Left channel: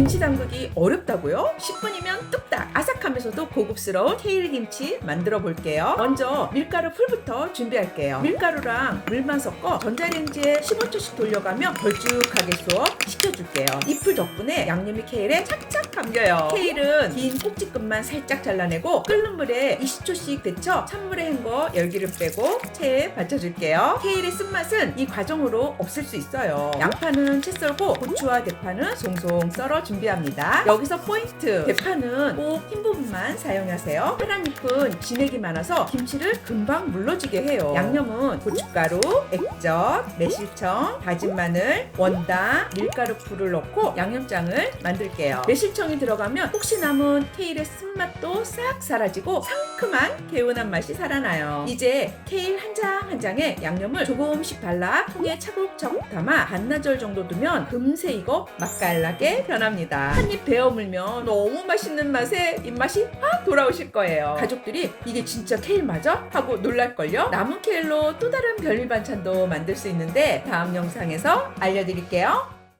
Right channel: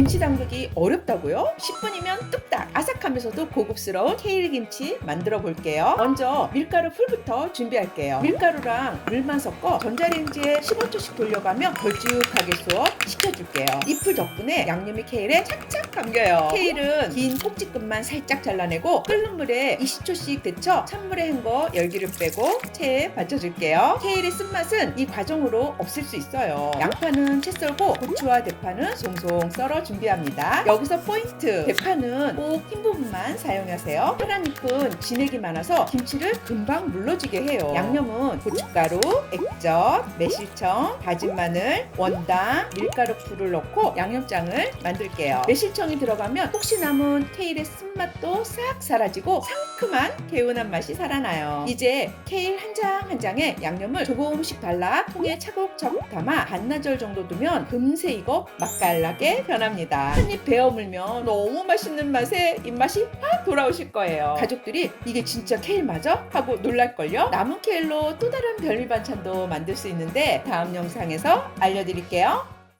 김치 담그기 어렵다고요? 10분이면 뚝딱 아삭하면서도 고급스러운 케일 김치 만들어 볼게요. 먼저 밀가루 풀부터 준비할게요. 밀가루랑 물만 섞어 전자레인지에 15초씩 돌려가며 걸쭉하게 수업 시켜줄게요. 이풀 덕분에 양념이 케일에 착착 감겨요. 케일은 긴 꼭지끝만 살짝 잘라내고 끓는 물에 20초씩 데쳐 찬물에 헹궈 열기를 빼고 체에 받쳐줄게요. 케일의 쓴맛은 이 과정으로 없을 수 있어요. 양파는 채 썰고 고추와 대파는 송송 썰어 준비합니다. 여기서 포인트! 대파는 꼭 흰 부분만 사용하세요. 파란 잎은 진액이 많아서 김치를 금방 물러지게 해요. 양념은 고춧가루, 액젓, 매실청, 다진 마늘, 원당, 밀가루 풀을 넣고 양념장을 만들게요. 매실청이 들어가면 혹시 남은 케일의 쓴맛도 싹 사라지고 상큼한 개운한 맛이 살아나요. 이제 케일 한 장 한 장에 양념을 조금씩 발라 통에 차곡차곡 담아 반나절 정도 두면 금세 익어 맛깔나게 변 합니다. 한 입 베어 물면 너무 맛있는 맛에 입맛이 확 돌아오실 거예요. 가족들이 이게 진짜 케일 맞아? 하고 놀랄걸요? 남은 케일로 또 다른 별미 반찬도 만들 수 있는데 다음 영상에서 알려드릴게요.